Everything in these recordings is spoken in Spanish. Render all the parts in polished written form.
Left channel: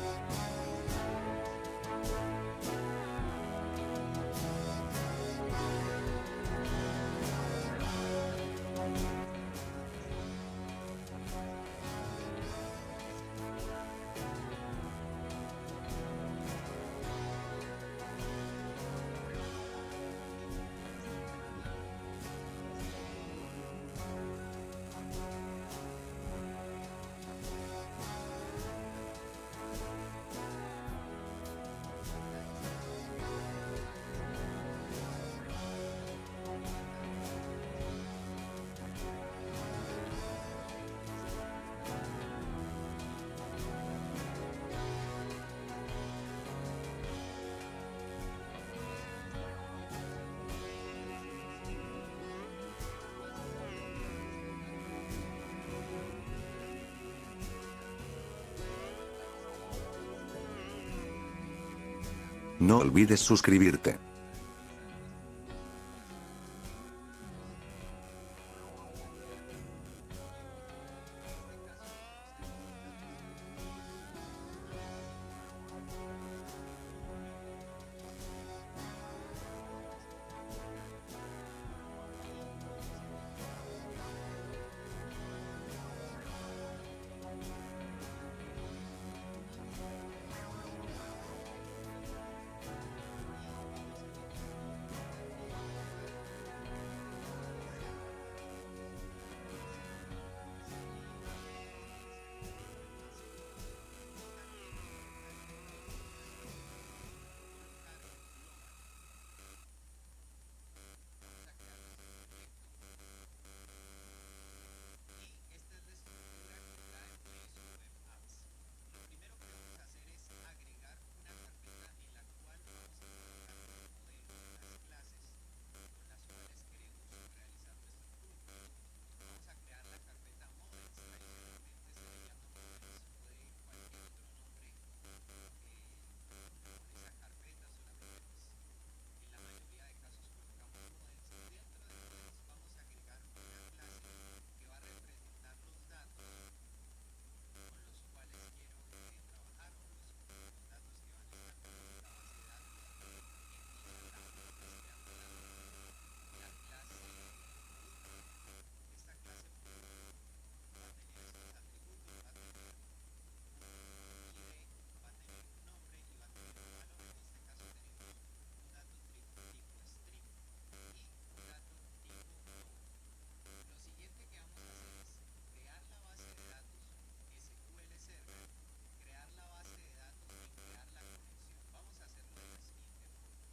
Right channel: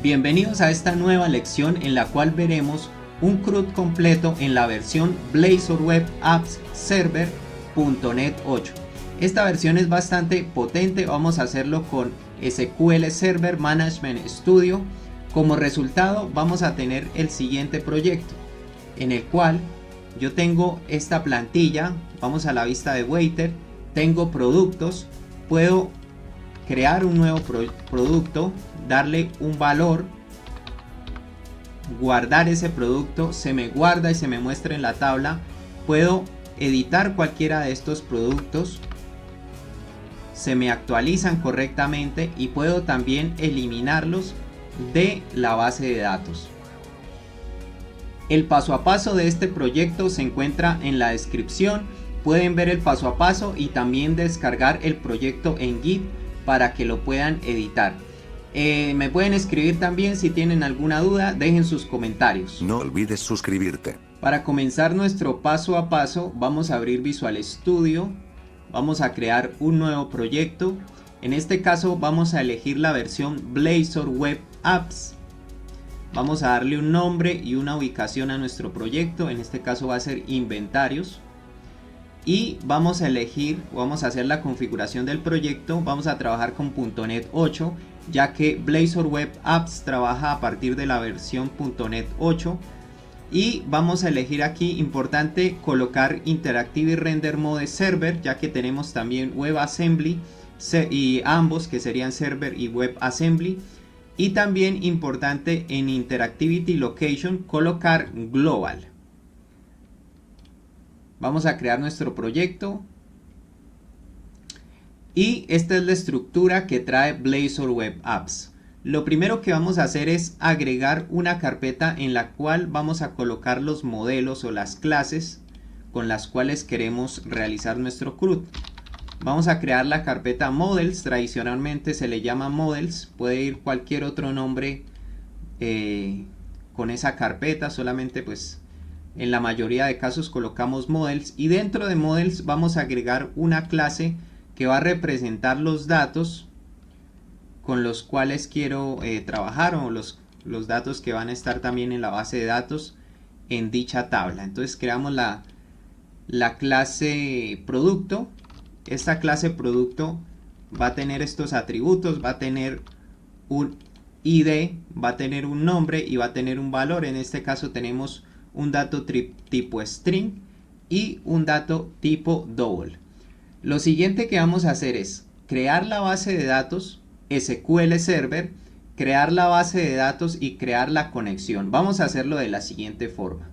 Bienvenidos a esta nueva lección en la cual veremos un CRUD completo en la versión Blazor Web Apps Server.NET 8. Esta versión es bastante potente, vamos a hacerlo con SQL Server Management Studio. Como resultado vamos a tener el siguiente proyecto, en el cual yo tengo esta plantilla, vamos a la vista de Waiter, tengo productos, puedo crear un nuevo producto, darle un valor, guardar ese producto, se me guarda y se me muestra en la tabla, puedo editar cualquiera de estos productos, se me actualizan correctamente y puedo también eliminarlos de la base de datos. El paso a paso de este proyecto se encuentra en la descripción, pueden ver el paso a paso y también descargar el proyecto en Git para que lo puedan editar. Me pueden escribir también si tienen alguna duda, dejen sus comentarios. No olvides suscribirte. Para comenzar nuestro paso a paso vamos a abrir Visual Studio, vamos a crear un nuevo proyecto. En este caso vamos a elegir la versión Blazor Web Apps. Vamos a darle un nombre y una ubicación a nuestro proyecto, en este caso va a ser inventarios. Y vamos a elegir, vamos a hacer la configuración del proyecto, vamos a trabajar con .NET 8, ya que Blazor Web Apps trabaja a partir de la versión .NET 8. Y vamos a elegir aquí, importante, colocar Interactive Render Mode Server, ya que tenemos también WebAssembly y ambos que serían Server y WebAssembly. Y también importante en Interactivity Location colocar Global. Vamos a crear nuestro proyecto y esta es la estructura que trae Blazor Web Apps. Lo primero que vamos a hacer es agregar una carpeta en la cual vamos a colocar los modelos o las clases con las cuales queremos realizar nuestro CRUD. Vamos a crear la carpeta Models, tradicionalmente se le llama Models, puede ir cualquier otro nombre con esa carpeta, solamente pues en la mayoría de casos colocamos Models y dentro de Models vamos a agregar una clase que va a representar los datos con los cuales quiero trabajar o los datos que van a estar también en la base de datos en dicha tabla. Entonces creamos la clase producto. Esta clase producto va a tener estos atributos, va a tener un ID, va a tener un nombre y va a tener un valor. En este caso tenemos un dato tipo string y un dato tipo double. Lo siguiente que vamos a hacer es crear la base de datos SQL Server, crear la base de datos y crear la conexión. Vamos a hacerlo de la siguiente forma.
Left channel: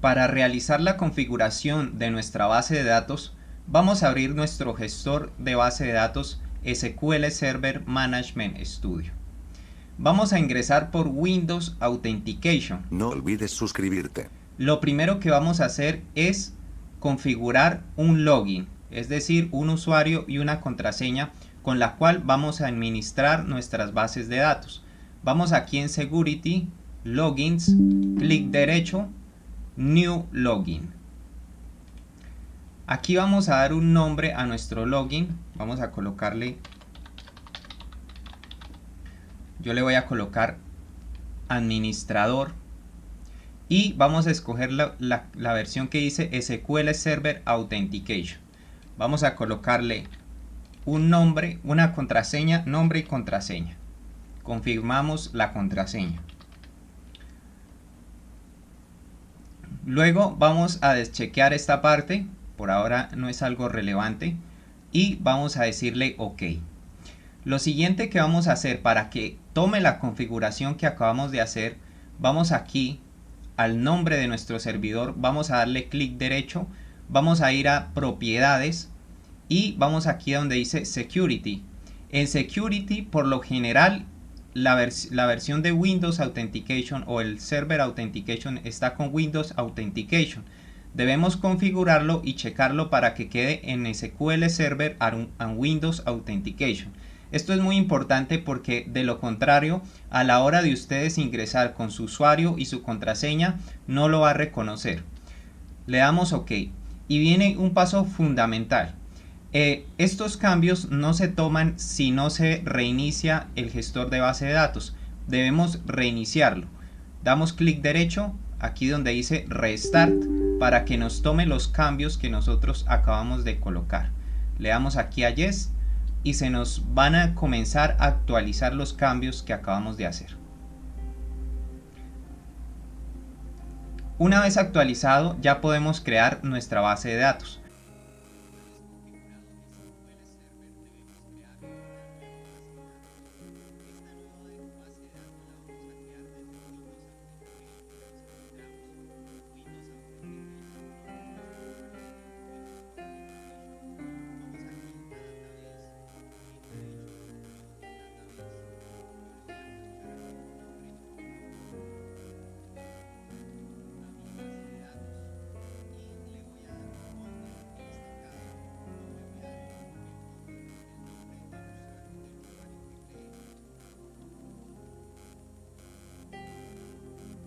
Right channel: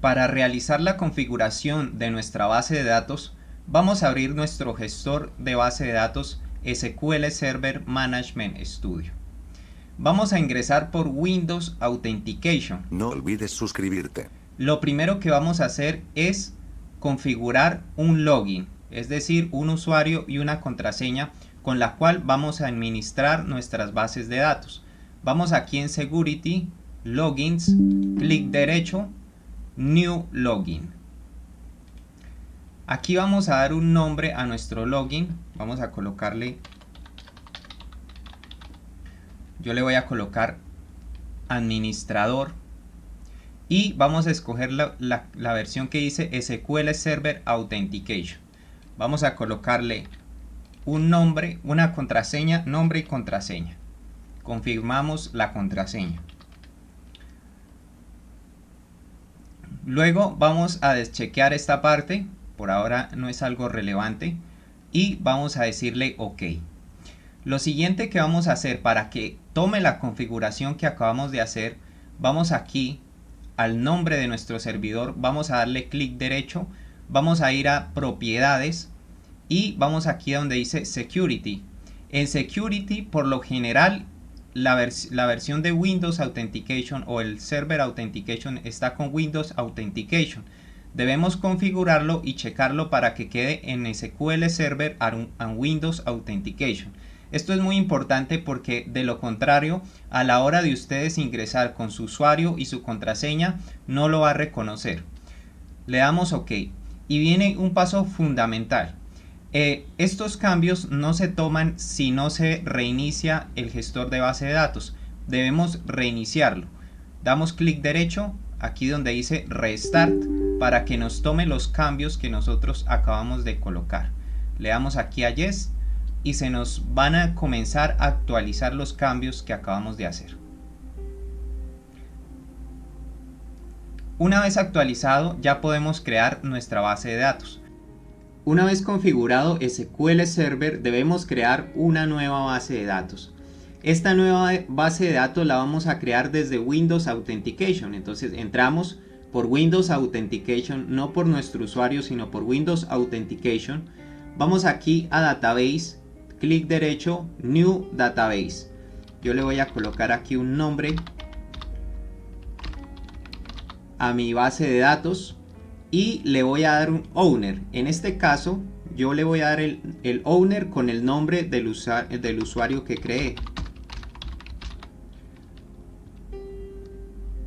Para realizar la configuración de nuestra base de datos, vamos a abrir nuestro gestor de base de datos SQL Server Management Studio. Vamos a ingresar por Windows Authentication. No olvides suscribirte. Lo primero que vamos a hacer es configurar un login, es decir, un usuario y una contraseña con la cual vamos a administrar nuestras bases de datos. Vamos aquí en Security, Logins, clic derecho, New Login. Aquí vamos a dar un nombre a nuestro login, vamos a colocarle, yo le voy a colocar administrador y vamos a escoger la versión que dice SQL Server Authentication. Vamos a colocarle un nombre, una contraseña, nombre y contraseña. Confirmamos la contraseña. Luego vamos a deschequear esta parte, por ahora no es algo relevante, y vamos a decirle OK. Lo siguiente que vamos a hacer para que tome la configuración que acabamos de hacer, vamos aquí al nombre de nuestro servidor, vamos a darle clic derecho, vamos a ir a propiedades y vamos aquí donde dice Security. En Security por lo general la versión de Windows Authentication o el Server Authentication está con Windows Authentication. Debemos configurarlo y checarlo para que quede en SQL Server and Windows Authentication. Esto es muy importante porque de lo contrario, a la hora de ustedes ingresar con su usuario y su contraseña, no lo va a reconocer. Le damos OK. Y viene un paso fundamental. Estos cambios no se toman si no se reinicia el gestor de base de datos. Debemos reiniciarlo. Damos clic derecho aquí donde dice Restart para que nos tome los cambios que nosotros acabamos de colocar. Le damos aquí a Yes y se nos van a comenzar a actualizar los cambios que acabamos de hacer. Una vez actualizado, ya podemos crear nuestra base de datos. Una vez configurado SQL Server, debemos crear una nueva base de datos. Esta nueva base de datos la vamos a crear desde Windows Authentication. Entonces entramos por Windows Authentication, no por nuestro usuario, sino por Windows Authentication. Vamos aquí a Database, clic derecho, New Database. Yo le voy a colocar aquí un nombre a mi base de datos y le voy a dar un owner. En este caso yo le voy a dar el owner con el nombre del usuario que creé.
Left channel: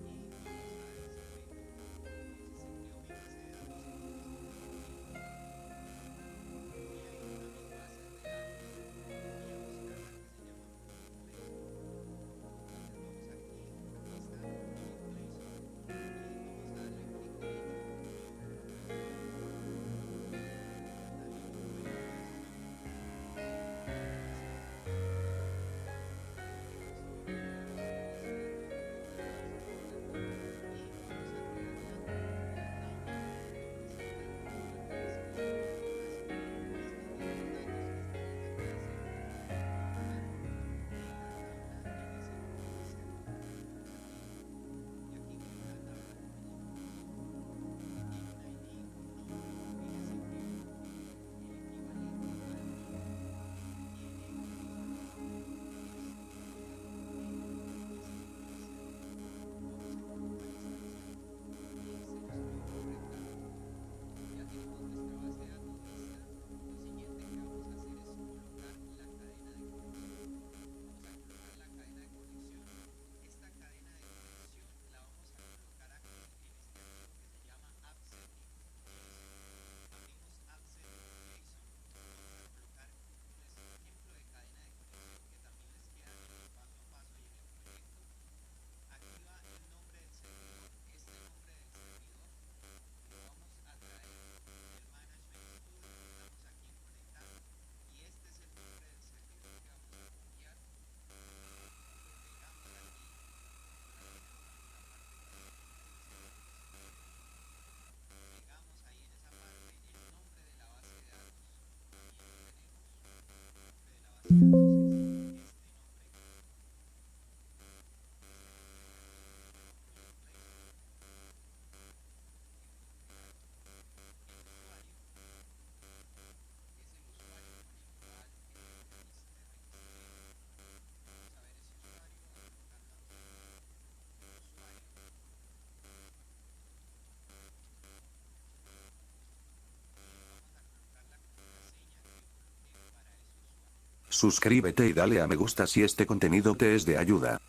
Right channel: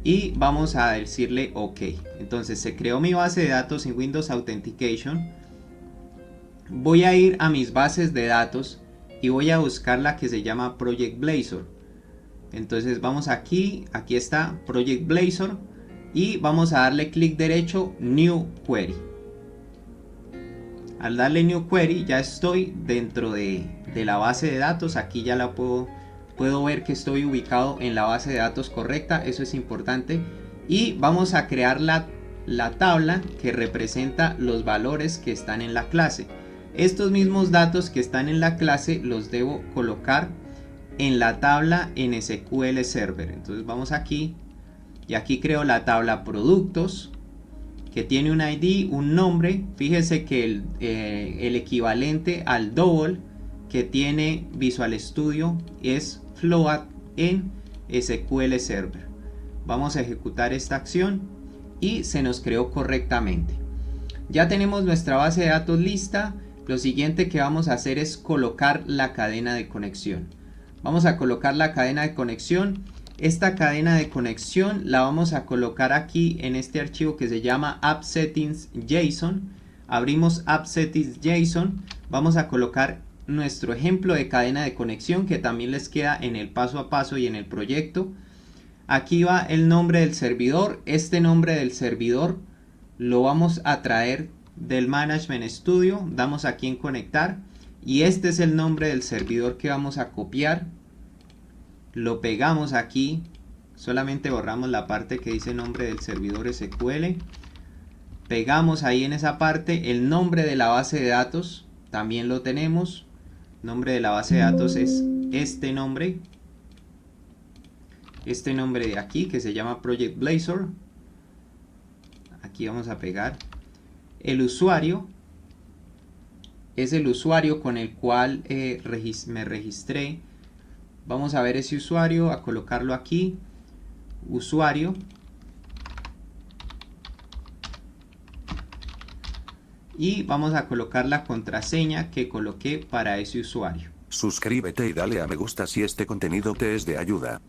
Y vamos a decirle OK. Entonces se creó mi base de datos en Windows Authentication. Voy a ir a mis bases de datos y voy a buscar la que se llama Project Blazor. Entonces vamos aquí, aquí está Project Blazor. Y vamos a darle clic derecho, New Query. Al darle New Query ya estoy dentro de la base de datos. Aquí ya la puedo ver que estoy ubicado en la base de datos correcta. Eso es importante. Y vamos a crear la tabla que representa los valores que están en la clase. Estos mismos datos que están en la clase los debo colocar en la tabla en SQL Server. Entonces vamos aquí. Y aquí creo la tabla productos, que tiene un ID, un nombre. Fíjese que el equivalente al double que tiene Visual Studio es float en SQL Server. Vamos a ejecutar esta acción y se nos creó correctamente. Ya tenemos nuestra base de datos lista. Lo siguiente que vamos a hacer es colocar la cadena de conexión. Vamos a colocar la cadena de conexión. Esta cadena de conexión la vamos a colocar aquí en este archivo que se llama app-settings.json. Abrimos app-settings.json. Vamos a colocar nuestro ejemplo de cadena de conexión que también les queda en el paso a paso y en el proyecto. Aquí va el nombre del servidor. Este nombre del servidor lo vamos a traer del Management Studio. Damos aquí en conectar y este es el nombre del servidor que vamos a copiar. Lo pegamos aquí, solamente borramos la parte que dice nombre del servidor SQL. Pegamos ahí en esa parte el nombre de la base de datos, también lo tenemos. Nombre de la base de datos es este nombre de aquí que se llama Project Blazor. Aquí vamos a pegar. El usuario es el usuario con el cual me registré. Vamos a ver ese usuario, a colocarlo aquí, usuario. Y vamos a colocar la contraseña que coloqué para ese usuario. Suscríbete y dale a me gusta si este contenido te es de ayuda.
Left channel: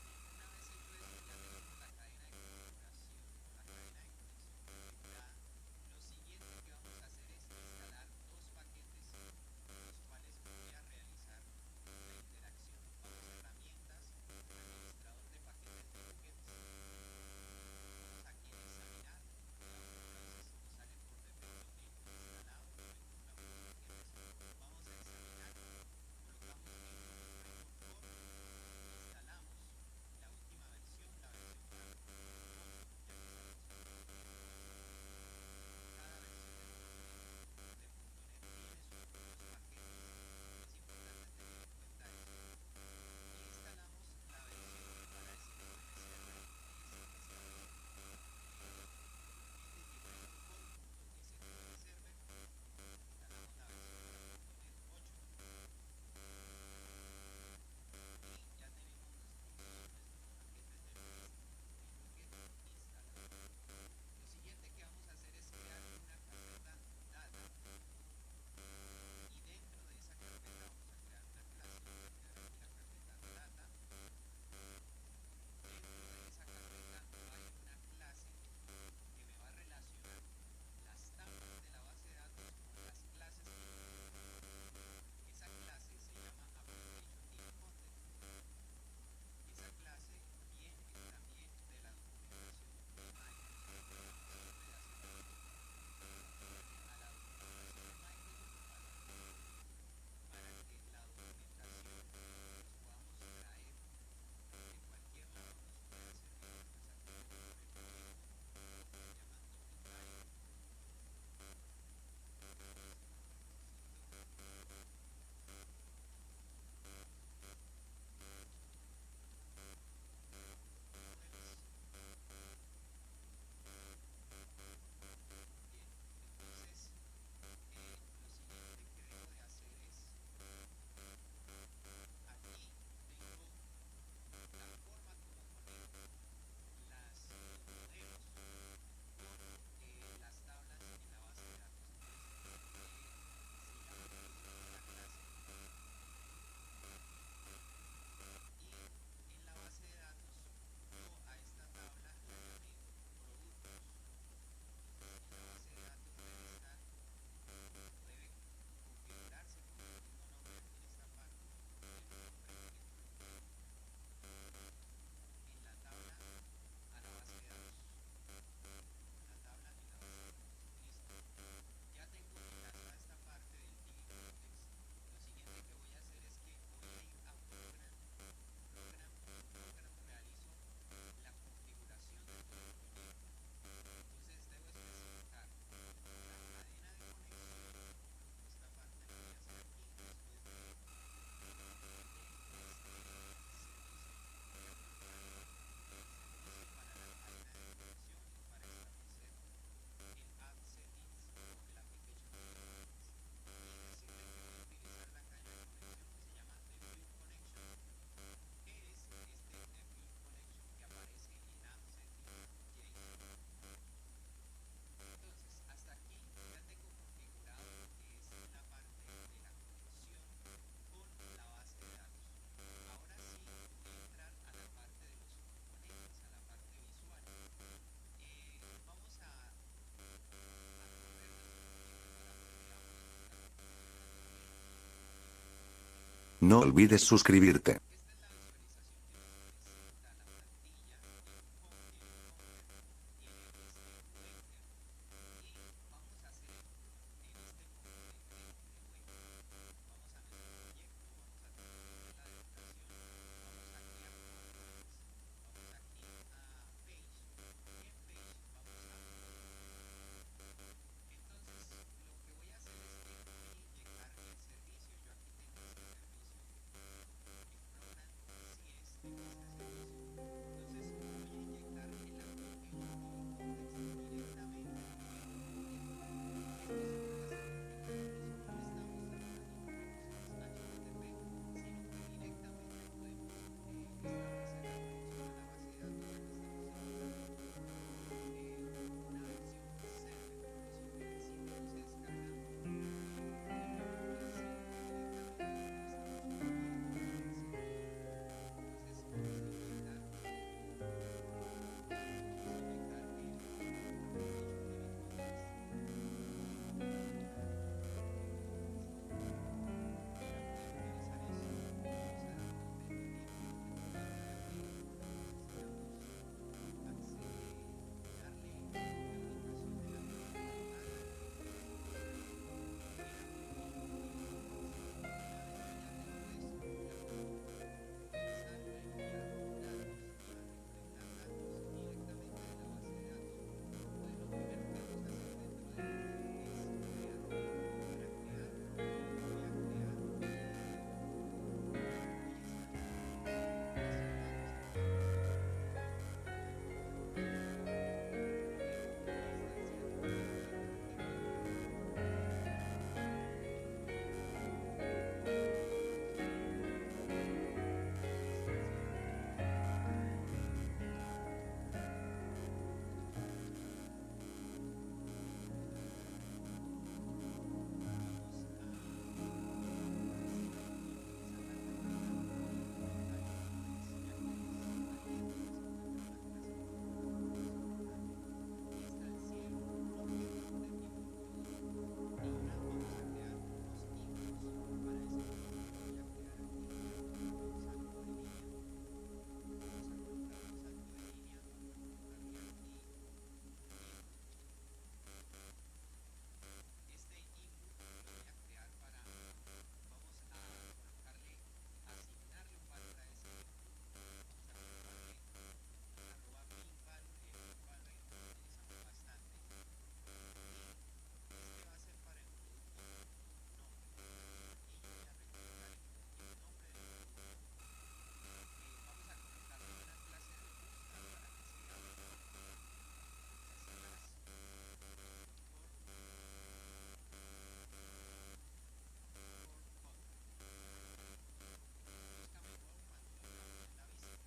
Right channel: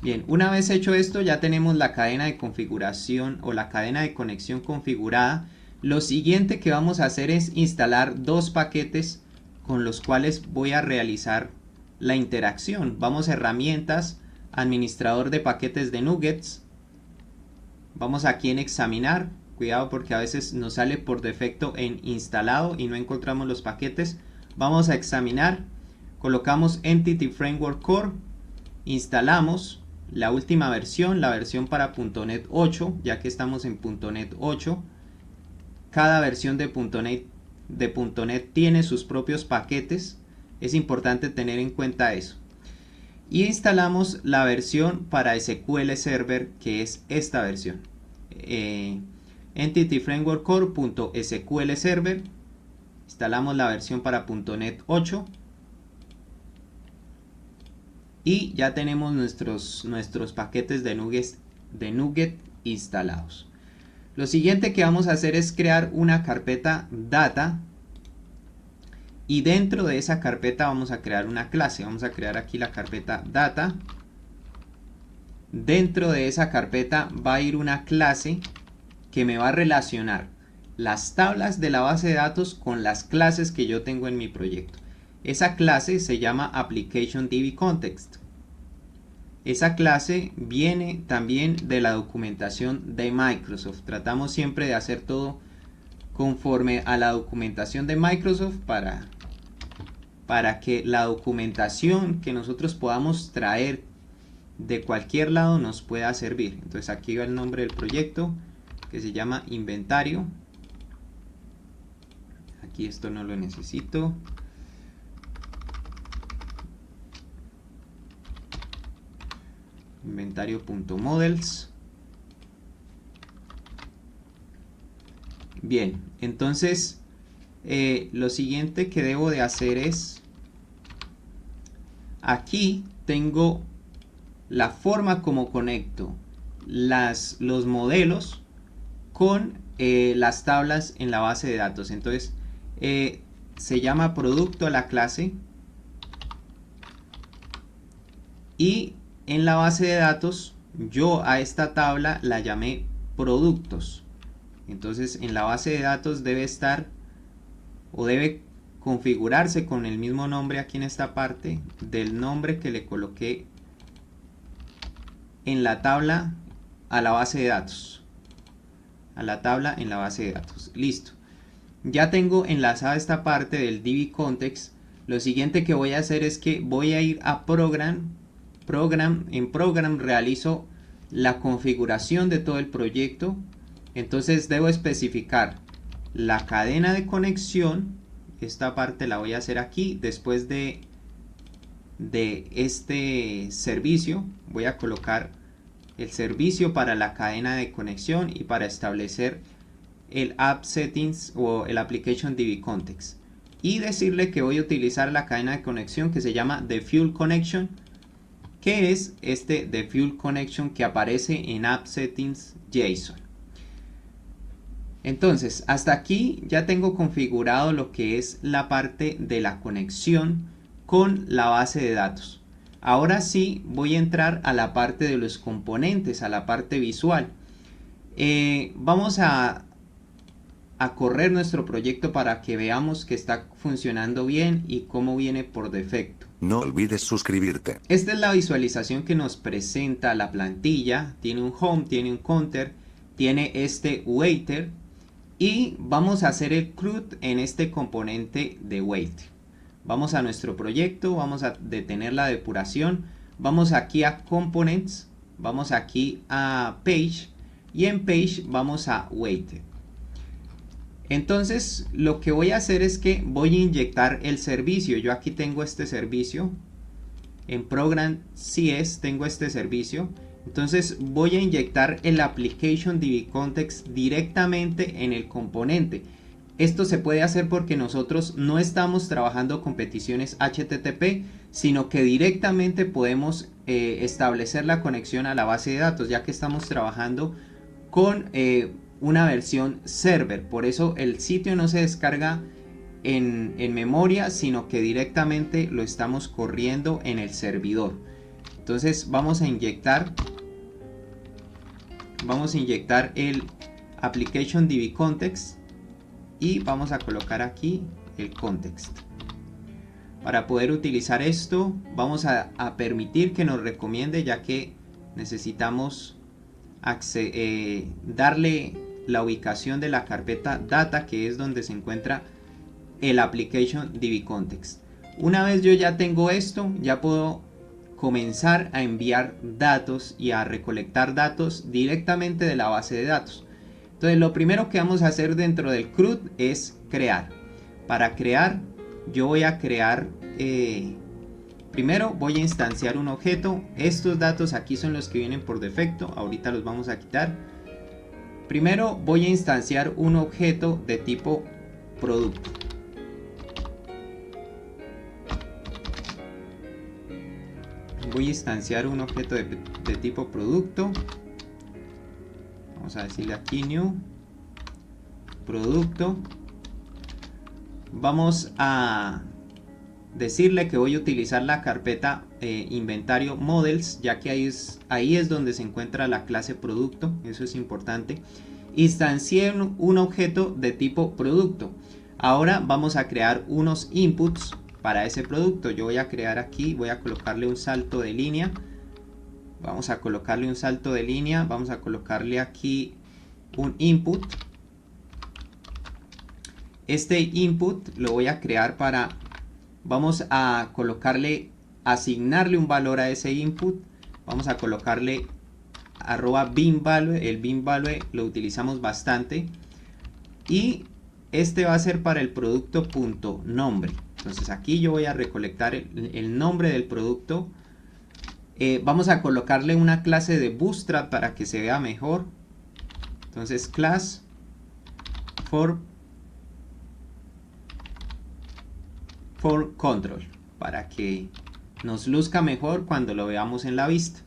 Bien, una vez hecho esto ya tenemos la cadena de configuración o la cadena de conexión configurada. Lo siguiente que vamos a hacer es instalar dos paquetes con los cuales voy a realizar la interacción. Vamos a herramientas, administrador de paquetes de nuggets. Vamos aquí en examinar. Cuidado porque a veces nos sale por defecto en instalado y no encontramos los paquetes. Vamos a examinar. Colocamos Entity Framework Core. Instalamos la última versión, la versión para .NET 8, ya que estamos en .NET 8. Cada versión de .NET tiene sus propios paquetes. Es importante tener en cuenta eso. Y instalamos la versión para SQL Server, que es esta versión. Entity Framework Core.SQL Server. Instalamos la versión para .NET 8. Y ya tenemos nuestros paquetes de Nugget instalados. Lo siguiente que vamos a hacer es crear una carpeta data. Y dentro de esa carpeta vamos a crear una clase. Vamos a crear aquí la carpeta data. Dentro de esa carpeta va a ir una clase que me va a relacionar las tablas de la base de datos con las clases que yo tengo en mi proyecto. Esa clase se llama Application DB Context. Esa clase viene también de la documentación de Microsoft. Tratamos siempre de hacer todo conforme a la documentación de Microsoft para que la documentación que nosotros podamos traer de cualquier lado nos pueda servir. Entonces aquí va el nombre del proyecto, que se llama Inventario. Aquí esto no lo necesito. Inventario.models. Bien, entonces lo siguiente que debo de hacer es, aquí tengo la forma como conecto los modelos con las tablas en la base de datos. Entonces se llama producto a la clase, y en la base de datos yo a esta tabla la llamé productos. Entonces en la base de datos debe estar o debe configurarse con el mismo nombre aquí en esta parte del nombre que le coloqué en la tabla a la base de datos. A la tabla en la base de datos. Listo. Ya tengo enlazada esta parte del DB Context. Lo siguiente que voy a hacer es que voy a ir a Program. En Program realizo la configuración de todo el proyecto. Entonces debo especificar la cadena de conexión. Esta parte la voy a hacer aquí. Después de este servicio voy a colocar el servicio para la cadena de conexión y para establecer el App Settings o el Application DB Context, y decirle que voy a utilizar la cadena de conexión que se llama Default Connection, que es este Default Connection que aparece en App Settings JSON. Entonces hasta aquí ya tengo configurado lo que es la parte de la conexión con la base de datos. Ahora sí voy a entrar a la parte de los componentes, a la parte visual. Vamos a correr nuestro proyecto para que veamos que está funcionando bien y cómo viene por defecto. No olvides suscribirte. Esta es la visualización que nos presenta la plantilla. Tiene un home, tiene un counter, tiene este waiter, y vamos a hacer el CRUD en este componente de waiter. Vamos a nuestro proyecto, vamos a detener la depuración, vamos aquí a Components, vamos aquí a Page, y en Page vamos a Waiter. Entonces lo que voy a hacer es que voy a inyectar el servicio. Yo aquí tengo este servicio, en Program CS tengo este servicio. Entonces voy a inyectar el Application DB Context directamente en el componente. Esto se puede hacer porque nosotros no estamos trabajando con peticiones HTTP, sino que directamente podemos establecer la conexión a la base de datos, ya que estamos trabajando con una versión server. Por eso el sitio no se descarga en memoria, sino que directamente lo estamos corriendo en el servidor. Entonces vamos a inyectar el Application DB Context y vamos a colocar aquí el context. Para poder utilizar esto vamos a permitir que nos recomiende, ya que necesitamos darle la ubicación de la carpeta data, que es donde se encuentra el Application DB Context. Una vez yo ya tengo esto, ya puedo comenzar a enviar datos y a recolectar datos directamente de la base de datos. Entonces lo primero que vamos a hacer dentro del CRUD es crear. Para crear yo voy a crear, primero voy a instanciar un objeto. Estos datos aquí son los que vienen por defecto, ahorita los vamos a quitar. Primero voy a instanciar un objeto de tipo producto. Voy a instanciar un objeto de tipo producto. Vamos a decirle aquí new producto. Vamos a decirle que voy a utilizar la carpeta inventario models, ya que ahí es donde se encuentra la clase producto. Eso es importante. instancié un objeto de tipo producto. Ahora vamos a crear unos inputs para ese producto. Yo voy a crear aquí, voy a colocarle un salto de línea. Vamos a colocarle un salto de línea. Vamos a colocarle aquí un input. Este input lo voy a crear para... Vamos a colocarle, asignarle un valor a ese input. Vamos a colocarle @beanValue. El beanValue lo utilizamos bastante. Y este va a ser para el producto .nombre. Entonces aquí yo voy a recolectar el nombre del producto. Vamos a colocarle una clase de Bootstrap para que se vea mejor. Entonces class for control, para que nos luzca mejor cuando lo veamos en la vista.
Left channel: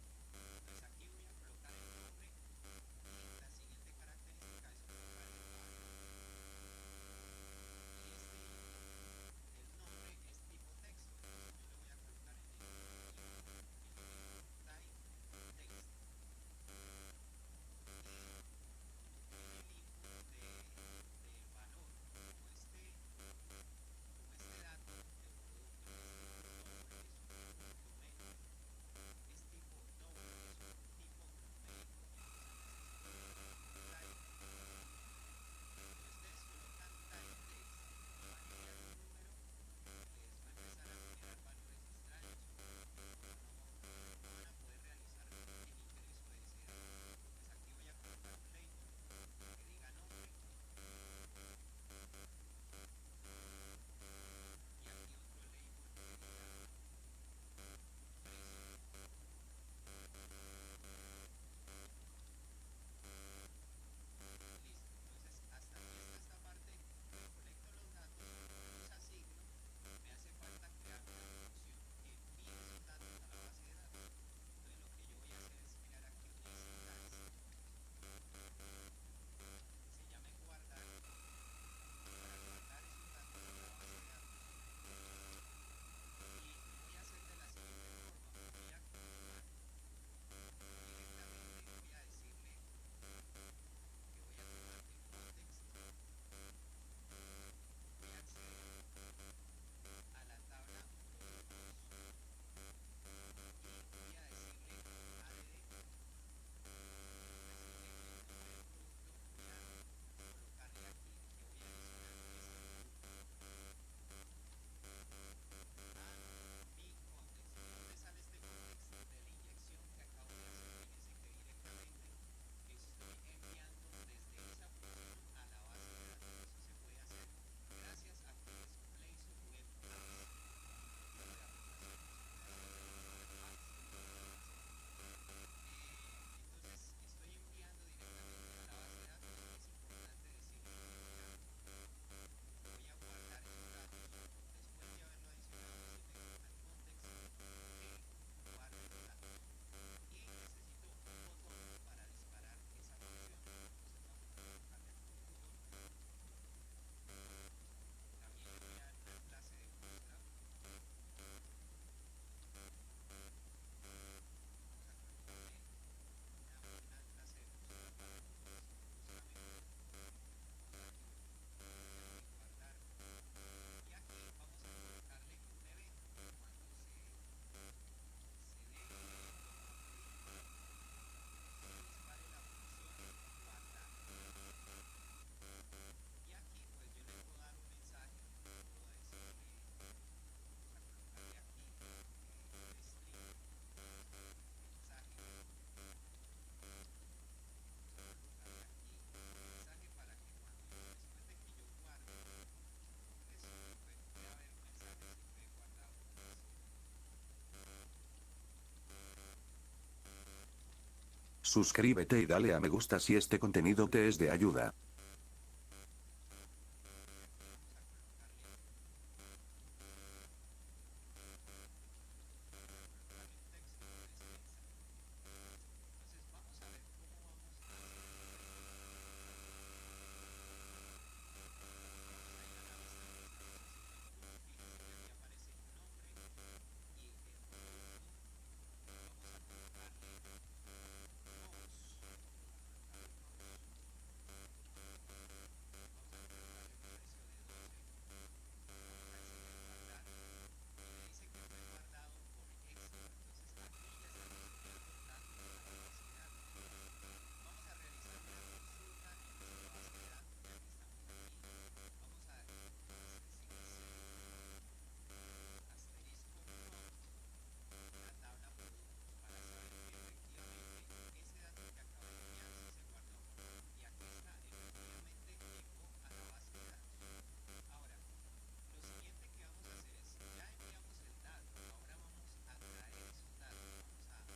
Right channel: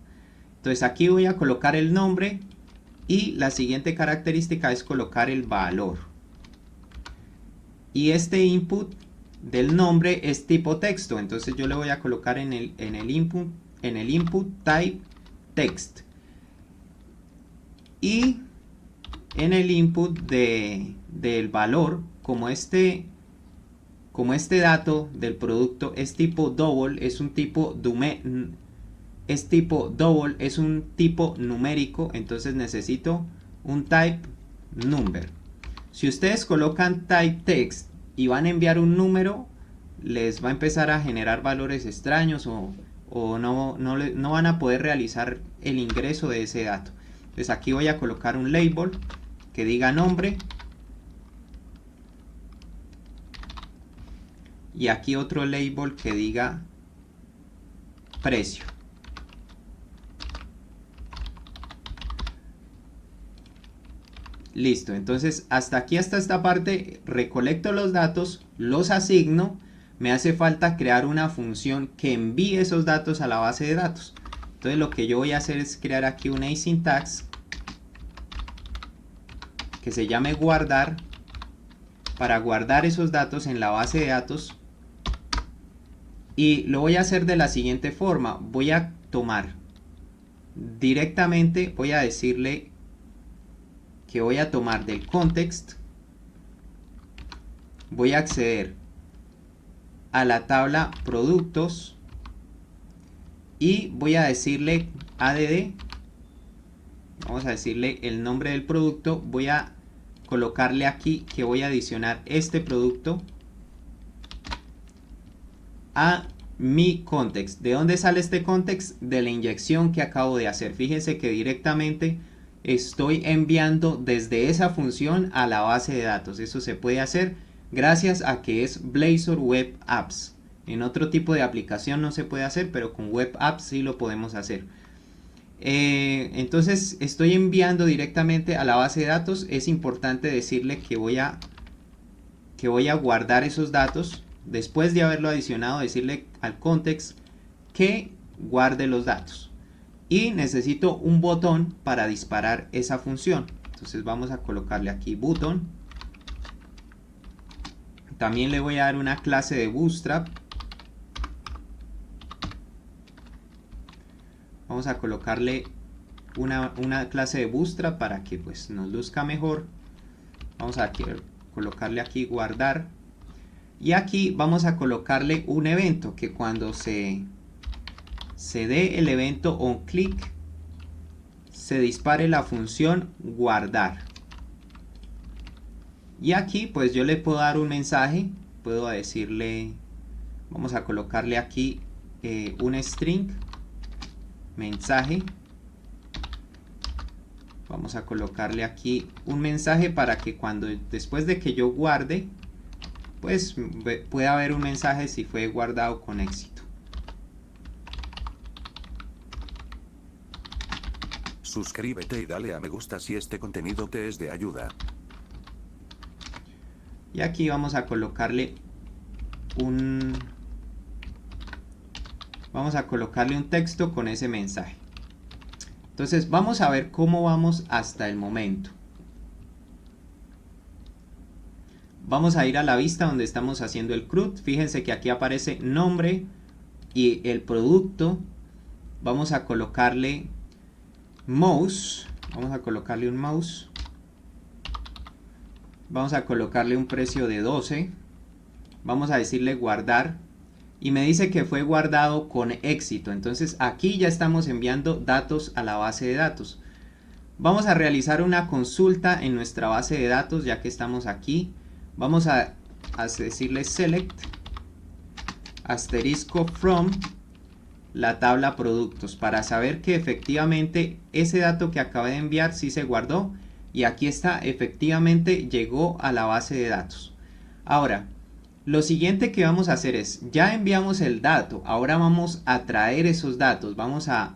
Entonces aquí voy a colocar el nombre y la siguiente característica es colocar el valor. Y este input del nombre es tipo texto, entonces yo le voy a colocar en el input type text. Y en el input del valor, como este dato del producto es tipo double, es un tipo numérico, entonces necesito un type number. Si ustedes colocan type text y van a enviar un número, les va a empezar a generar valores extraños o no van a poder realizar el ingreso de ese dato. Entonces aquí voy a colocar un label que diga nombre. Y aquí otro label que diga precio. Listo, entonces hasta esta parte recolecto los datos, los asigno. Me hace falta crear una función que envíe esos datos a la base de datos. Entonces lo que yo voy a hacer es crear aquí un asyntax que se llame guardar, para guardar esos datos en la base de datos. Y lo voy a hacer de la siguiente forma. Voy a tomar directamente, voy a decirle que voy a tomar del context, voy a acceder a la tabla productos y voy a decirle add, vamos a decirle el nombre del producto, voy a colocarle aquí que voy a adicionar este producto a mi context. ¿De dónde sale este context? De la inyección que acabo de hacer. Fíjense que directamente estoy enviando desde esa función a la base de datos. Eso se puede hacer gracias a que es Blazor Web Apps. En otro tipo de aplicación no se puede hacer, pero con Web Apps sí lo podemos hacer. Entonces estoy enviando directamente a la base de datos. Es importante decirle que voy a guardar esos datos. Después de haberlo adicionado, decirle al context que guarde los datos. Y necesito un botón para disparar esa función. Entonces vamos a colocarle aquí button. También le voy a dar una clase de Bootstrap. Vamos a colocarle una clase de Bootstrap para que pues nos luzca mejor. Vamos a colocarle aquí guardar. Y aquí vamos a colocarle un evento que cuando se dé el evento onClick se dispare la función guardar. Y aquí pues yo le puedo dar un mensaje, puedo decirle, vamos a colocarle aquí un string, mensaje. Vamos a colocarle aquí un mensaje para que después de que yo guarde, pues pueda haber un mensaje si fue guardado con éxito. Suscríbete y dale a me gusta si este contenido te es de ayuda. Y aquí vamos a colocarle un texto con ese mensaje. Entonces vamos a ver cómo vamos hasta el momento. Vamos a ir a la vista donde estamos haciendo el CRUD. Fíjense que aquí aparece nombre y el producto. Vamos a colocarle mouse. Vamos a colocarle un mouse. Vamos a colocarle un precio de 12. Vamos a decirle guardar. Y me dice que fue guardado con éxito. Entonces aquí ya estamos enviando datos a la base de datos. Vamos a realizar una consulta en nuestra base de datos ya que estamos aquí. Vamos a decirle select asterisco from la tabla productos para saber que efectivamente ese dato que acabé de enviar sí se guardó. Y aquí está, efectivamente llegó a la base de datos. Ahora, lo siguiente que vamos a hacer es, ya enviamos el dato, ahora vamos a traer esos datos, vamos a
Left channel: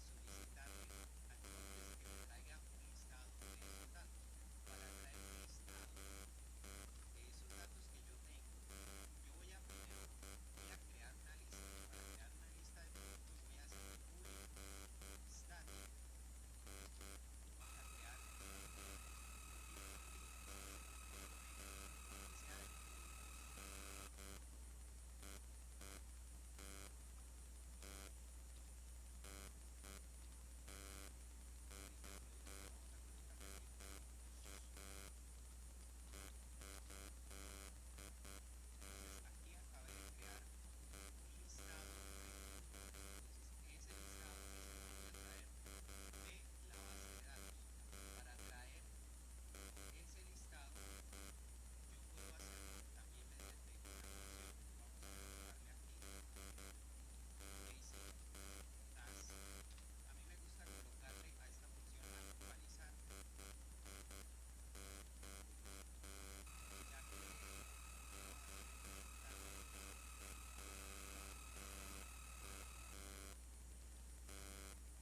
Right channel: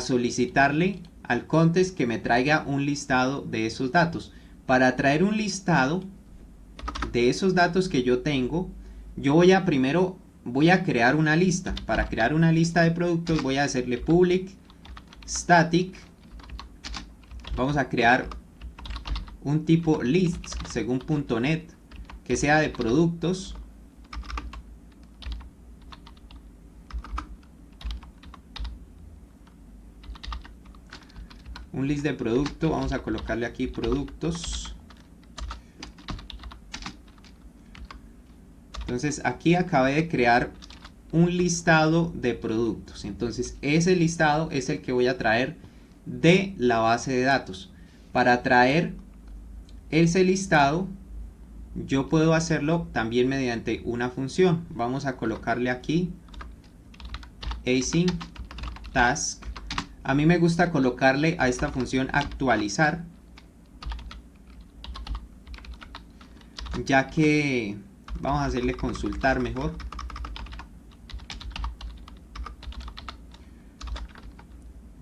solicitarle al contest que me traiga un listado de esos datos. Para traer un listado de esos datos que yo tengo, yo primero voy a crear una lista. Para crear una lista de productos voy a hacerle public static. Vamos a crear un tipo list según .net que sea de productos. Un list de producto, vamos a colocarle aquí productos. Entonces aquí acabé de crear un listado de productos. Entonces ese listado es el que voy a traer de la base de datos. Para traer ese listado yo puedo hacerlo también mediante una función. Vamos a colocarle aquí async task. A mí me gusta colocarle a esta función actualizar, ya que vamos a hacerle consultar mejor.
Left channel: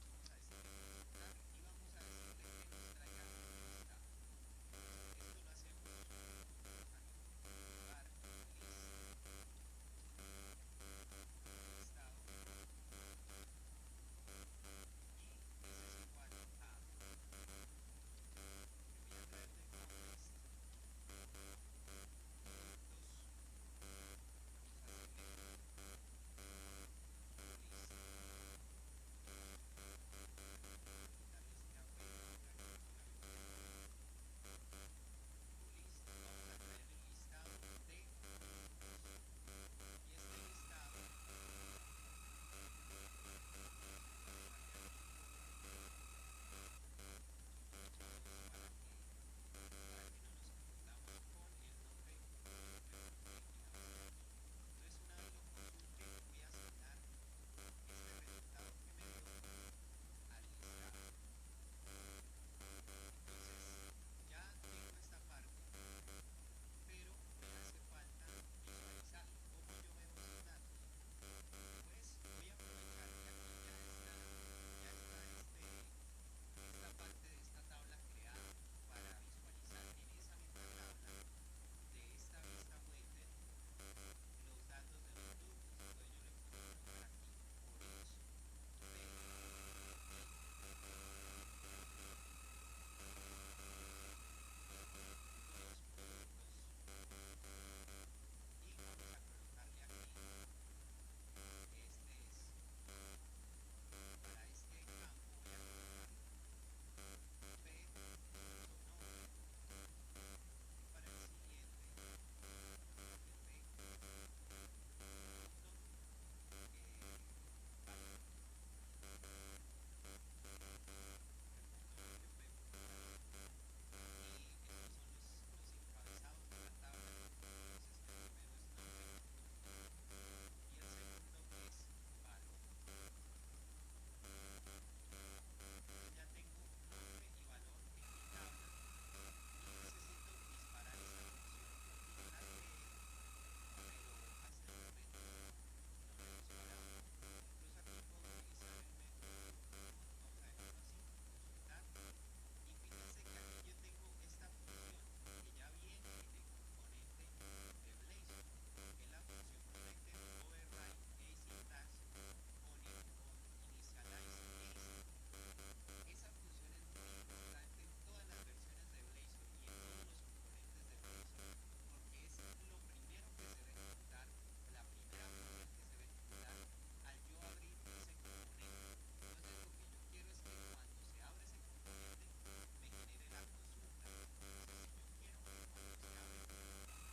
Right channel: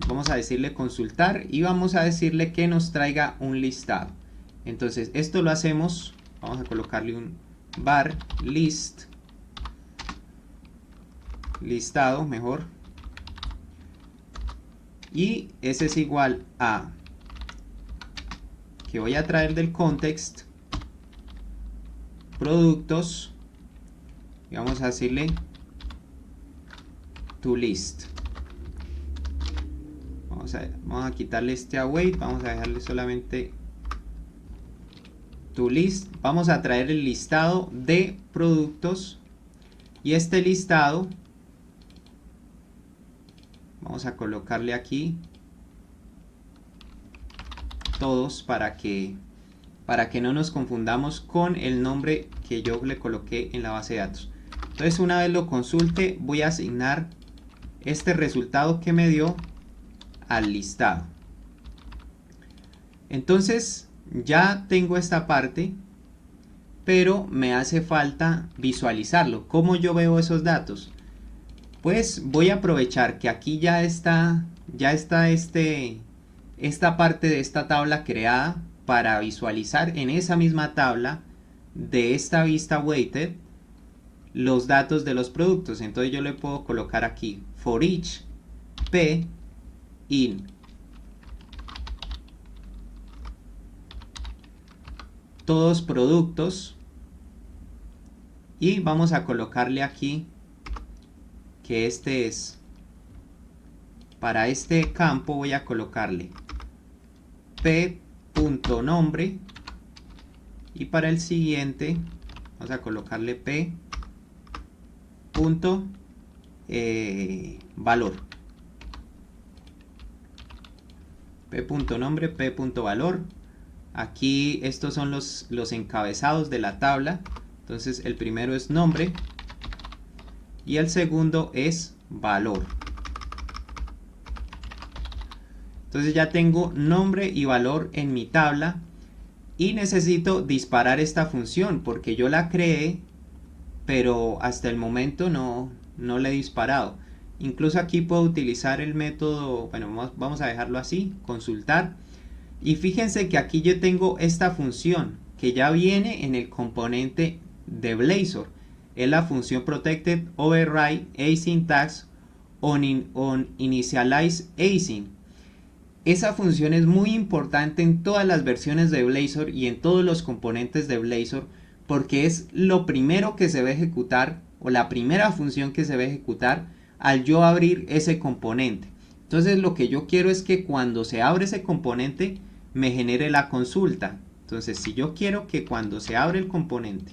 Vamos a decirle consultar y vamos a decirle que nos traiga un listado. Entonces esto lo hacemos, vamos a colocarle un var list, listado mejor, y ese es igual a que voy a traer del context productos y vamos a decirle to list. Vamos a quitarle este await, vamos a dejarle solamente to list. Vamos a traer el listado de productos y este listado vamos a colocarle aquí todos para que no nos confundamos con el nombre que yo le coloqué en la base de datos. Entonces una vez lo consulte voy a asignar este resultado que me dio al listado. Entonces ya tengo esta parte, pero me hace falta visualizarlo. ¿Cómo yo veo esos datos? Pues voy a aprovechar que aquí ya está esta parte de esta tabla creada para visualizar en esa misma tabla de esta vista weighted los datos de los productos. Entonces yo le puedo colocar aquí for each p in todos productos y vamos a colocarle aquí que este es, para este campo voy a colocarle p.nombre y para el siguiente vamos a colocarle p.valor. p.nombre, p.valor. Aquí estos son los encabezados de la tabla. Entonces el primero es nombre y el segundo es valor. Entonces ya tengo nombre y valor en mi tabla y necesito disparar esta función porque yo la creé, pero hasta el momento no la he disparado. Incluso aquí puedo utilizar el método, bueno, vamos a dejarlo así, consultar. Y fíjense que aquí yo tengo esta función que ya viene en el componente de Blazor. Es la función protected override async tags on initialize async. Esa función es muy importante en todas las versiones de Blazor y en todos los componentes de Blazor porque es lo primero que se va a ejecutar o la primera función que se va a ejecutar al yo abrir ese componente. Entonces lo que yo quiero es que cuando se abre ese componente me genere la consulta. Entonces, si yo quiero que cuando se abre el componente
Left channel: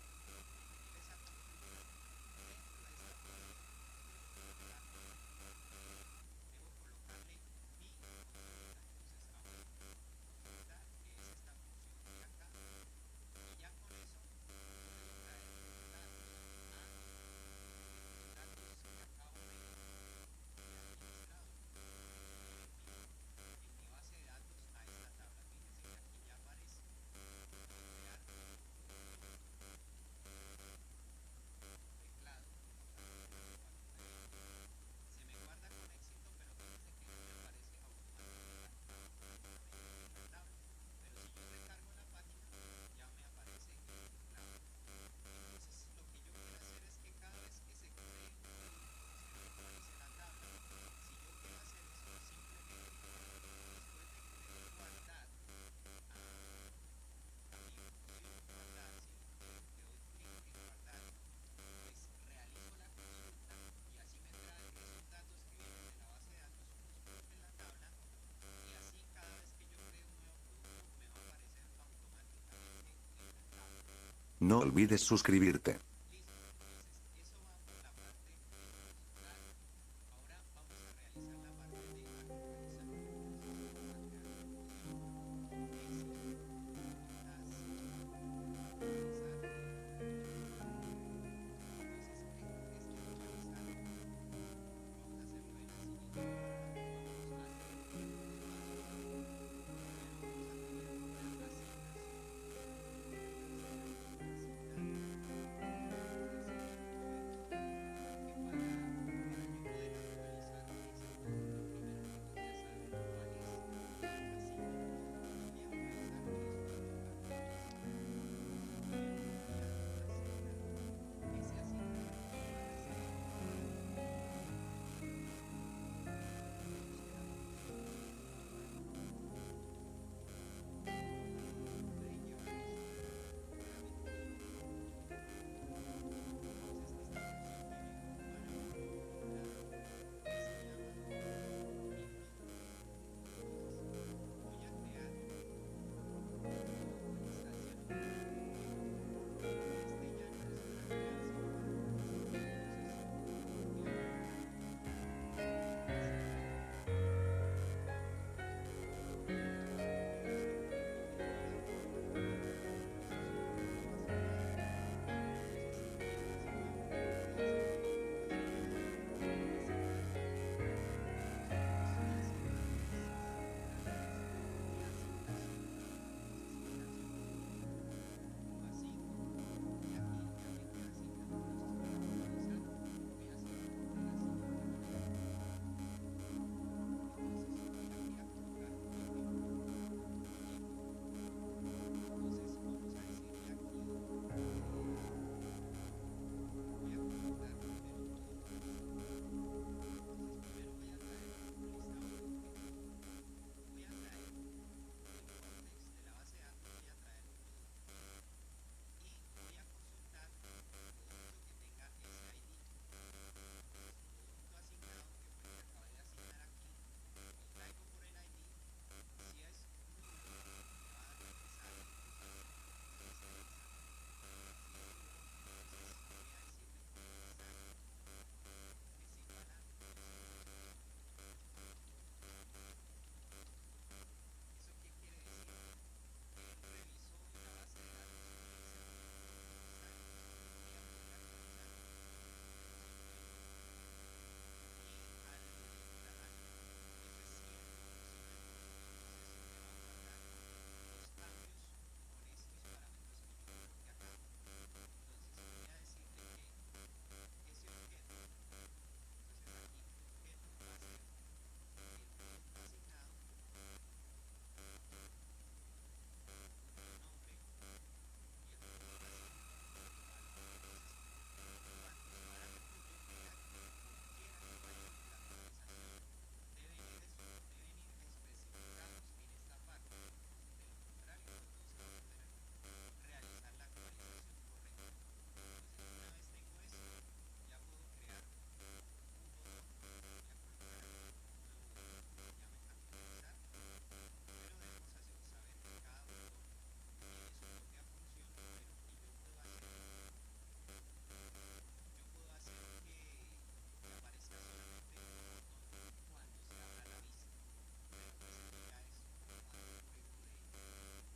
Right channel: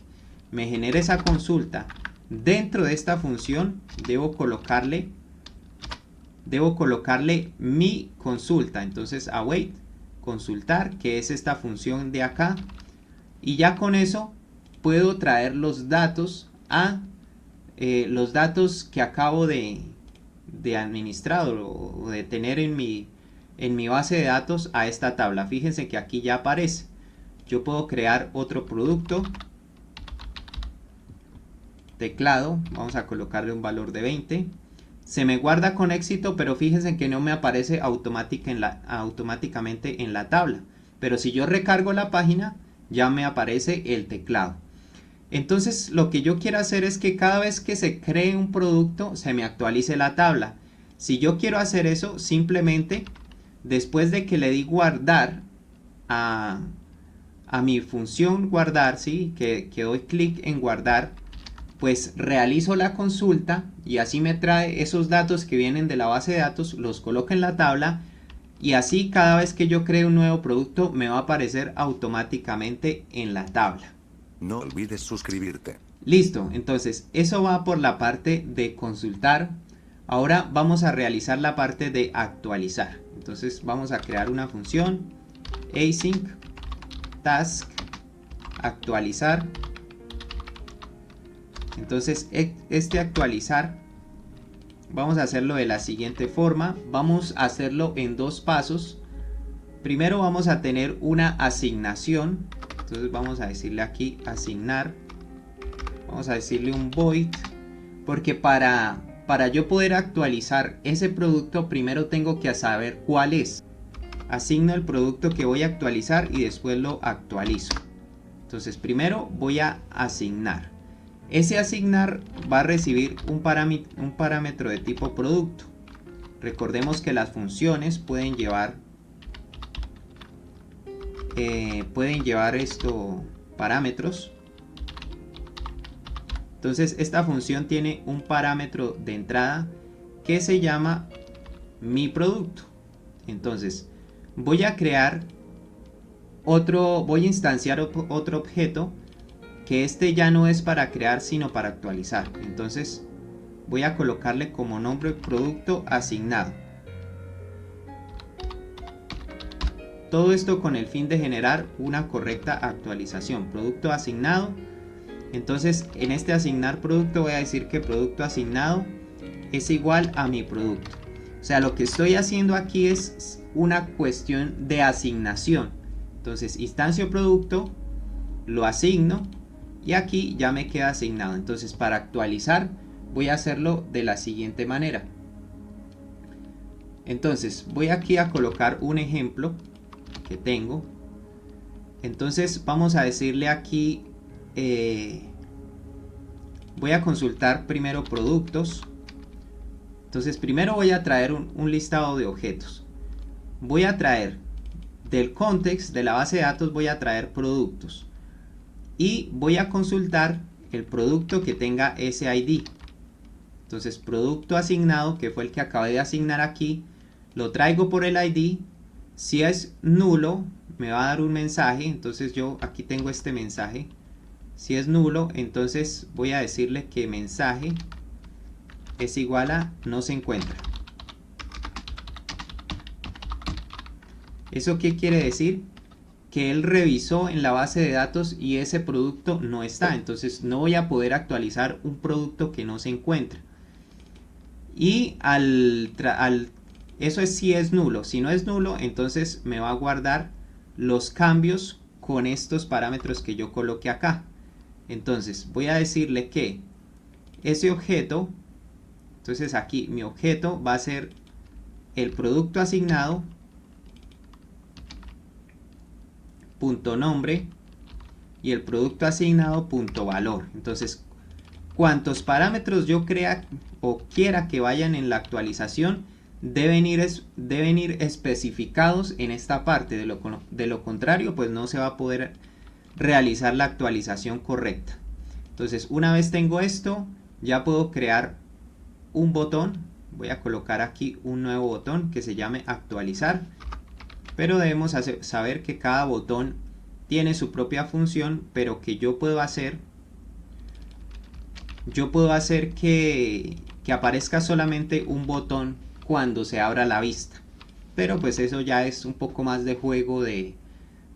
me genere esa consulta dentro de esta función, debo colocarle mi consulta. Entonces, await, consultar, que es esta función de acá. Y ya con eso puedo traer los datos los datos que acabo de administrar o de tener en mi base de datos a esta tabla. Fíjense que aquí ya aparece. Yo puedo crear otro producto. Teclado, vamos a colocarle un valor de 20. Se me guarda con éxito, pero fíjense que no me aparece automáticamente en la tabla. Pero si yo recargo la página, ya me aparece el teclado. Entonces lo que yo quiero hacer es que cada vez que se cree un producto, se me actualice la tabla. Si yo quiero hacer eso, simplemente después de que le di guardar a mi función guardar, ¿sí? que doy clic en guardar, pues realizo la consulta y así me trae esos datos que vienen de la base de datos, los coloco en la tabla y así cada vez que yo cree un nuevo producto me va a aparecer automáticamente en la tabla. No olvides suscribirte. Listo, entonces eso va por la parte de consultar. Ahora vamos a realizar la parte de actualizar. Entonces vamos a crear una función async task actualizar. Entonces este actualizar vamos a hacerlo de la siguiente forma. Vamos a hacerlo en dos pasos. Primero vamos a tener una asignación. Entonces vamos a decirle aquí asignar. Vamos a decirle un void. Porque para yo poder actualizar ese producto, primero tengo que saber cuál es. Asigno el producto que voy a actualizar y después lo actualizo. Entonces primero voy a asignar. Ese asignar va a recibir un parámetro de tipo producto. Recordemos que las funciones pueden llevar parámetros. Entonces esta función tiene un parámetro de entrada que se llama mi producto. Entonces voy a crear voy a instanciar otro objeto que este ya no es para crear sino para actualizar. Entonces voy a colocarle como nombre producto asignado. Todo esto con el fin de generar una correcta actualización. Producto asignado. Entonces en este asignar producto voy a decir que producto asignado es igual a mi producto. O sea, lo que estoy haciendo aquí es una cuestión de asignación. Entonces instancio producto, lo asigno y aquí ya me queda asignado. Entonces para actualizar voy a hacerlo de la siguiente manera. Entonces voy aquí a colocar un ejemplo que tengo. Entonces vamos a decirle aquí voy a consultar primero productos. Entonces primero voy a traer un listado de objetos. Voy a traer del context de la base de datos, voy a traer productos y voy a consultar el producto que tenga ese ID. Entonces producto asignado, que fue el que acabé de asignar aquí, lo traigo por el ID. Si es nulo me va a dar un mensaje. Entonces yo aquí tengo este mensaje. Si es nulo, entonces voy a decirle que mensaje es igual a no se encuentra. ¿Eso qué quiere decir? Que él revisó en la base de datos y ese producto no está. Entonces no voy a poder actualizar un producto que no se encuentra. Y eso es si es nulo. Si no es nulo, entonces me va a guardar los cambios con estos parámetros que yo coloqué acá. Entonces voy a decirle que ese objeto, entonces aquí mi objeto va a ser el producto asignado punto nombre y el producto asignado punto valor. Entonces cuantos parámetros yo crea o quiera que vayan en la actualización deben ir especificados en esta parte. De lo contrario pues no se va a poder realizar la actualización correcta. Entonces una vez tengo esto ya puedo crear un botón. Voy a colocar aquí un nuevo botón que se llame actualizar, pero debemos saber que cada botón tiene su propia función, pero que yo puedo hacer que aparezca solamente un botón cuando se abra la vista. Pero pues eso ya es un poco más de juego de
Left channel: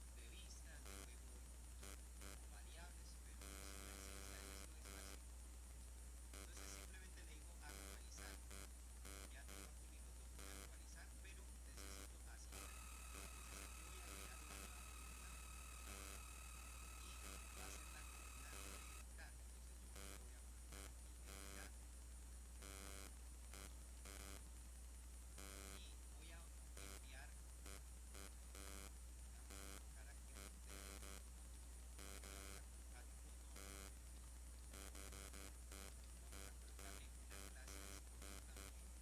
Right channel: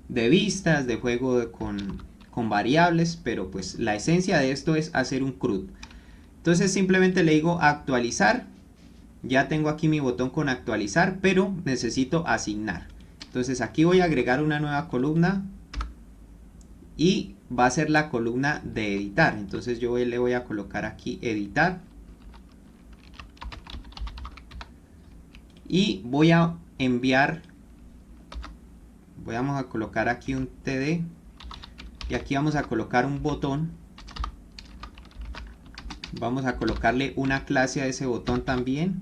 vistas, de juego con variables, pero pues la esencia de esto es hacer un CRUD. Entonces simplemente le digo actualizar. Ya tengo aquí mi botón con actualizar, pero necesito asignar. Entonces aquí voy a agregar una nueva columna y va a ser la columna de editar. Entonces yo le voy a colocar aquí editar y voy a enviar, vamos a colocar aquí un TD y aquí vamos a colocar un botón. Vamos a colocarle una clase a ese botón también.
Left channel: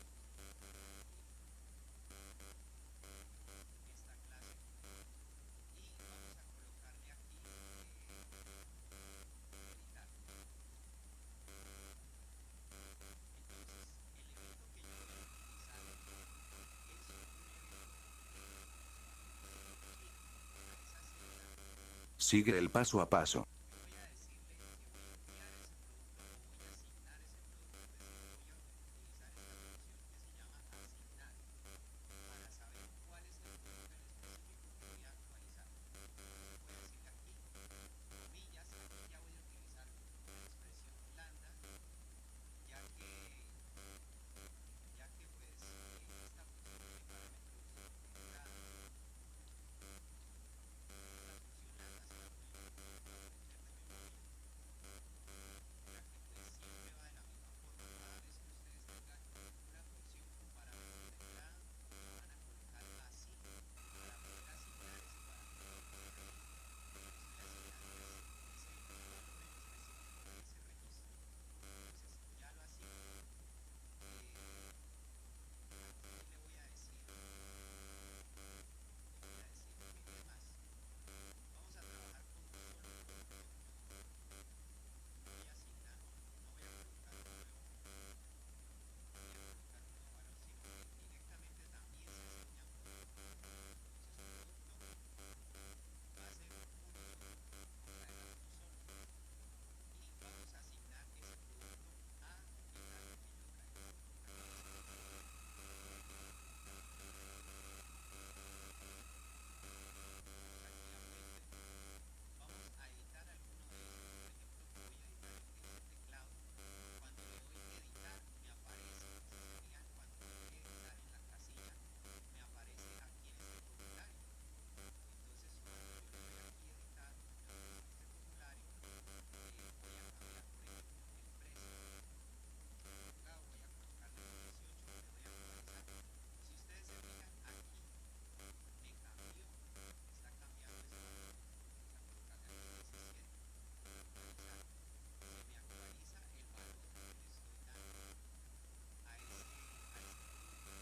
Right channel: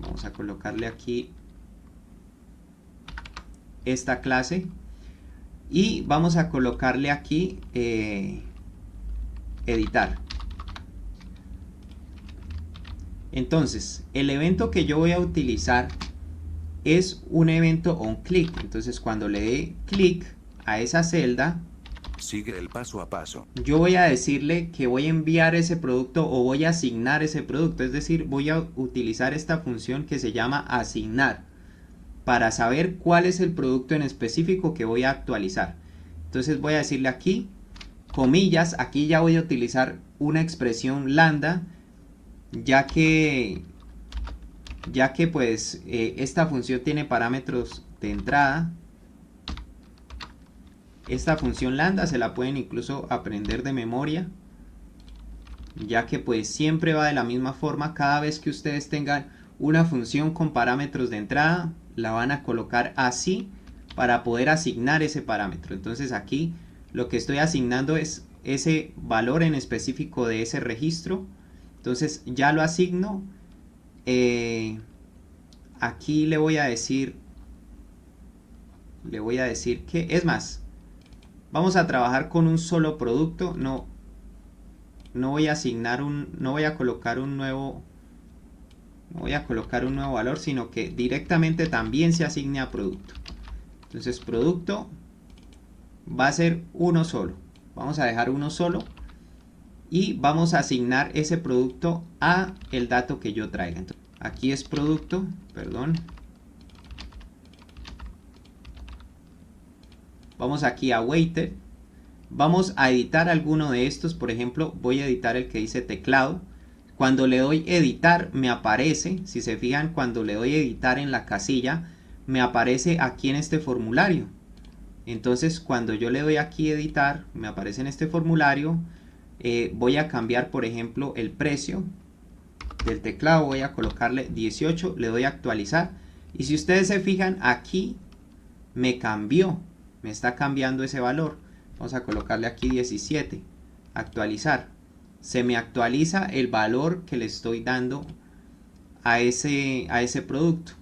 Vamos a colocarle aquí esta clase y vamos a colocarle aquí editar. Entonces el evento que yo voy a utilizar es un evento onClick. Entonces cuando le dé clic a esa celda, sigue el paso a paso. Yo voy a decirle que voy a enviar ese producto o voy a asignar ese producto. Es decir, voy a utilizar esta función que se llama asignar para saber cuál es el producto en específico que voy a actualizar. Entonces voy a decirle aquí, comillas, aquí ya voy a utilizar una expresión lambda, ya que pues esta función tiene parámetros de entrada. Esta función lambda se la pueden incluso aprender de memoria, ya que pues siempre va de la misma forma. Cada vez que ustedes tengan una función con parámetros de entrada, la van a colocar así para poder asignar ese parámetro. Entonces aquí lo que estoy asignando es ese valor en específico de ese registro. Entonces ya lo asigno. Aquí le voy a decir que, es más, vamos a trabajar con un solo producto. No voy a asignar no voy a colocar un nuevo valor, sino que directamente también se asigne a producto. Entonces producto va a ser uno solo. Vamos a dejar uno solo y vamos a asignar ese producto a el dato que yo traiga. Entonces, aquí es producto, perdón. Vamos aquí a weighted. Vamos a editar alguno de estos. Por ejemplo, voy a editar el que dice teclado. Cuando le doy editar me aparece, si se fijan, cuando le doy editar en la casilla, me aparece aquí en este formulario. Entonces cuando yo le doy aquí editar, me aparece en este formulario. Voy a cambiar, por ejemplo, el precio del teclado. Voy a colocarle 18, le doy a actualizar. Y si ustedes se fijan, aquí me cambió, me está cambiando ese valor. Vamos a colocarle aquí 17, actualizar. Se me actualiza el valor que le estoy dando a ese producto.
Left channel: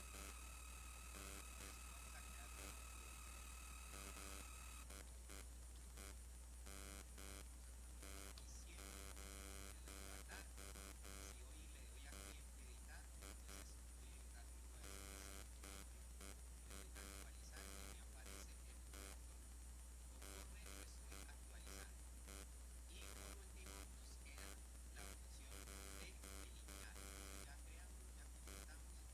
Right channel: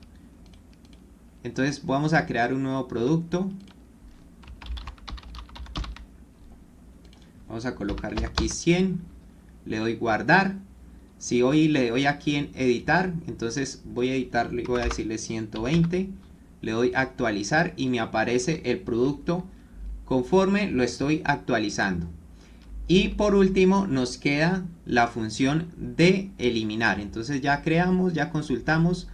Entonces vamos a crear un nuevo producto. Vamos a colocarle aquí 100. Le doy guardar. Si hoy le doy aquí en editar, entonces voy a editar, voy a decirle 120. Le doy actualizar y me aparece el producto conforme lo estoy actualizando. Y por último nos queda la función de eliminar. Entonces ya creamos, ya consultamos.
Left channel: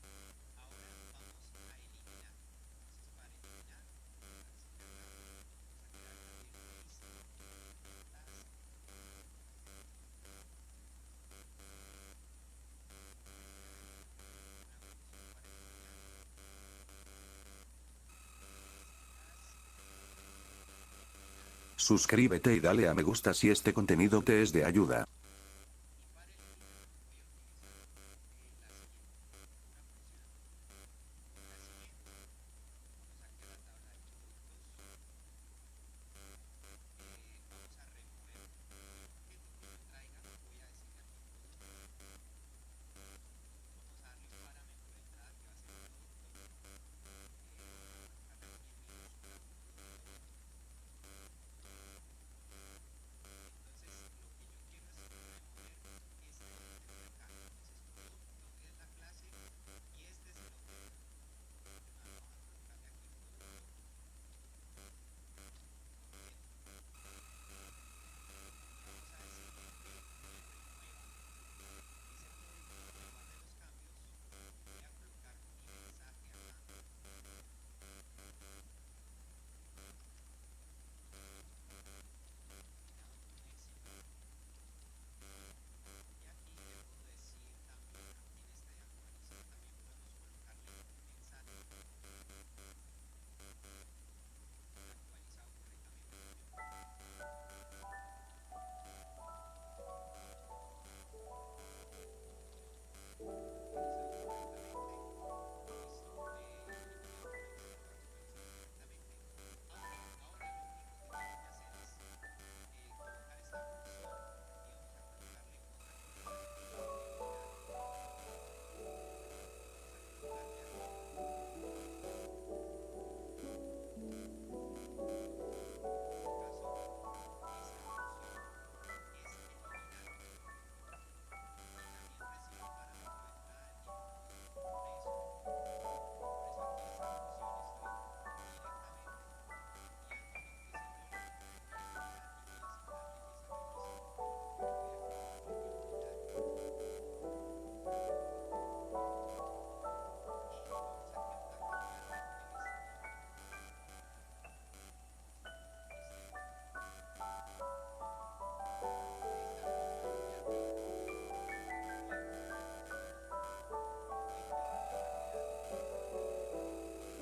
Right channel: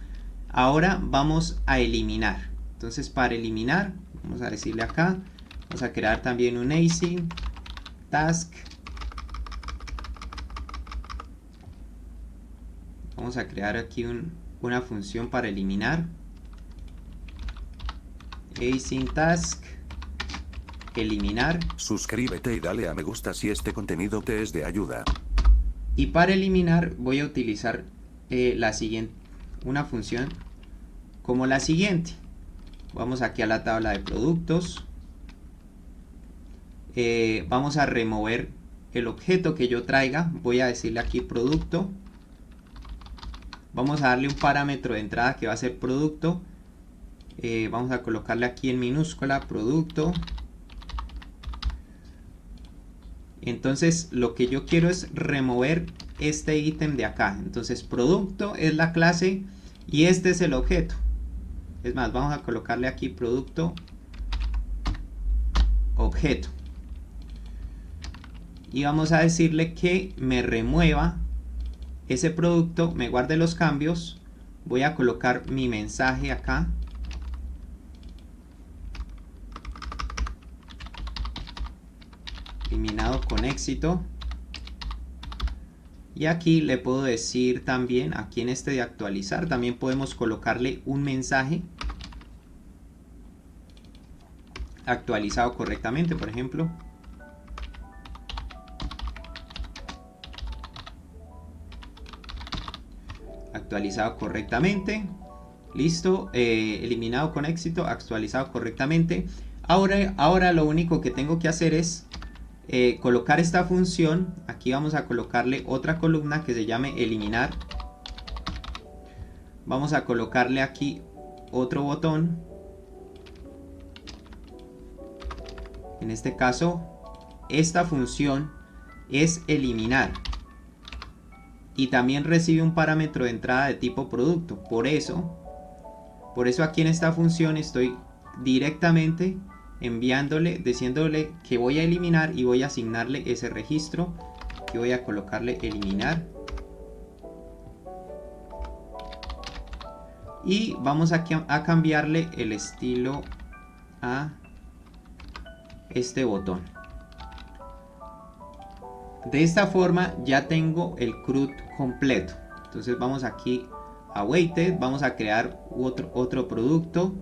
Ahora vamos a eliminar. Entonces para eliminar, vamos a decirle acá, vamos a crear también un async task. Vamos a crear aquí una función para eliminar. Async task. Eliminar. Suscríbete y dale a me gusta si este contenido te es de ayuda. Y para eliminar voy a utilizar una función como la siguiente. Vamos aquí a la tabla de productos. Vamos a remover el objeto que yo traiga. Voy a decirle aquí producto. Vamos a darle un parámetro de entrada que va a ser producto. Vamos a colocarle aquí en minúscula producto. Entonces lo que yo quiero es remover este ítem de acá. Entonces producto es la clase y este es el objeto. Es más, vamos a colocarle aquí producto objeto y vamos a decirle que me remueva ese producto, me guarde los cambios. Voy a colocar mi mensaje acá. Eliminado con éxito. Y aquí le puedo decir también, aquí en este de actualizar, también podemos colocarle un mensaje actualizado correctamente, por ejemplo. Actualizado correctamente. Listo, eliminado con éxito, actualizado correctamente. Ahora lo único que tengo que hacer es colocar esta función. Aquí vamos a colocarle otra columna que se llame eliminar. Vamos a colocarle aquí otro botón. En este caso, esta función es eliminar. Y también recibe un parámetro de entrada de tipo producto. Por eso aquí en esta función estoy directamente enviándole, diciéndole que voy a eliminar y voy a asignarle ese registro. Aquí voy a colocarle eliminar. Y vamos aquí a cambiarle el estilo a este botón. De esta forma ya tengo el CRUD completo. Entonces vamos aquí a Weighted, vamos a crear otro producto.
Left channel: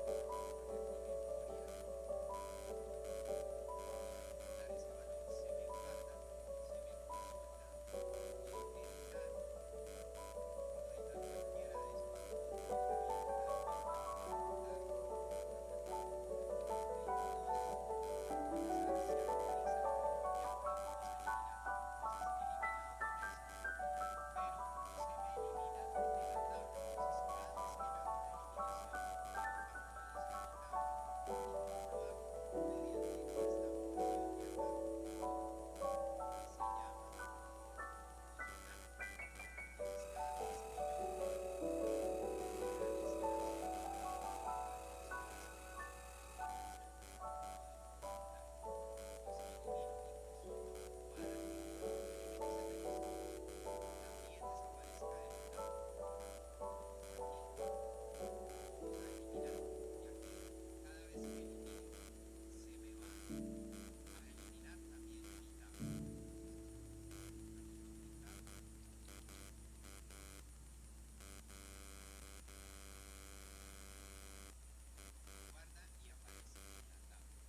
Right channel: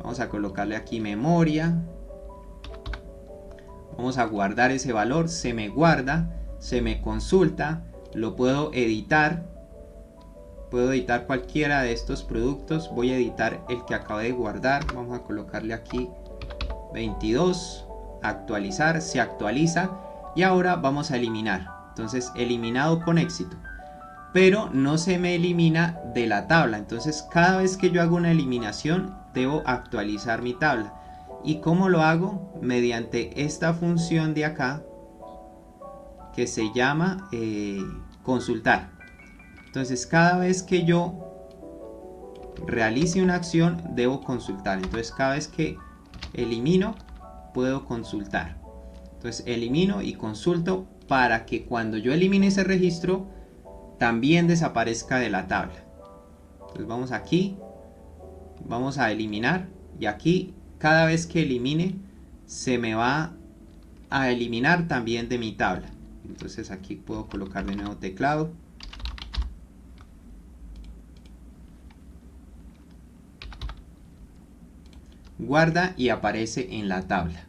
Vamos a colocarle aquí memoria. Vamos a guardar ese valor, se me guarda, se me consulta, lo puedo editar. Puedo editar cualquiera de estos productos. Voy a editar el que acabé de guardar. Vamos a colocarle aquí 22. Actualizar. Se actualiza. Y ahora vamos a eliminar. Entonces eliminado con éxito. Pero no se me elimina de la tabla. Entonces cada vez que yo hago una eliminación debo actualizar mi tabla. ¿Y cómo lo hago? Mediante esta función de acá que se llama consultar. Entonces cada vez que yo realice una acción debo consultar. Entonces cada vez que elimino puedo consultar. Entonces elimino y consulto para que cuando yo elimine ese registro también desaparezca de la tabla. Entonces vamos aquí, vamos a eliminar y aquí cada vez que elimine se me va a eliminar también de mi tabla. Entonces aquí puedo colocar de nuevo teclado. Guarda y aparece en la tabla.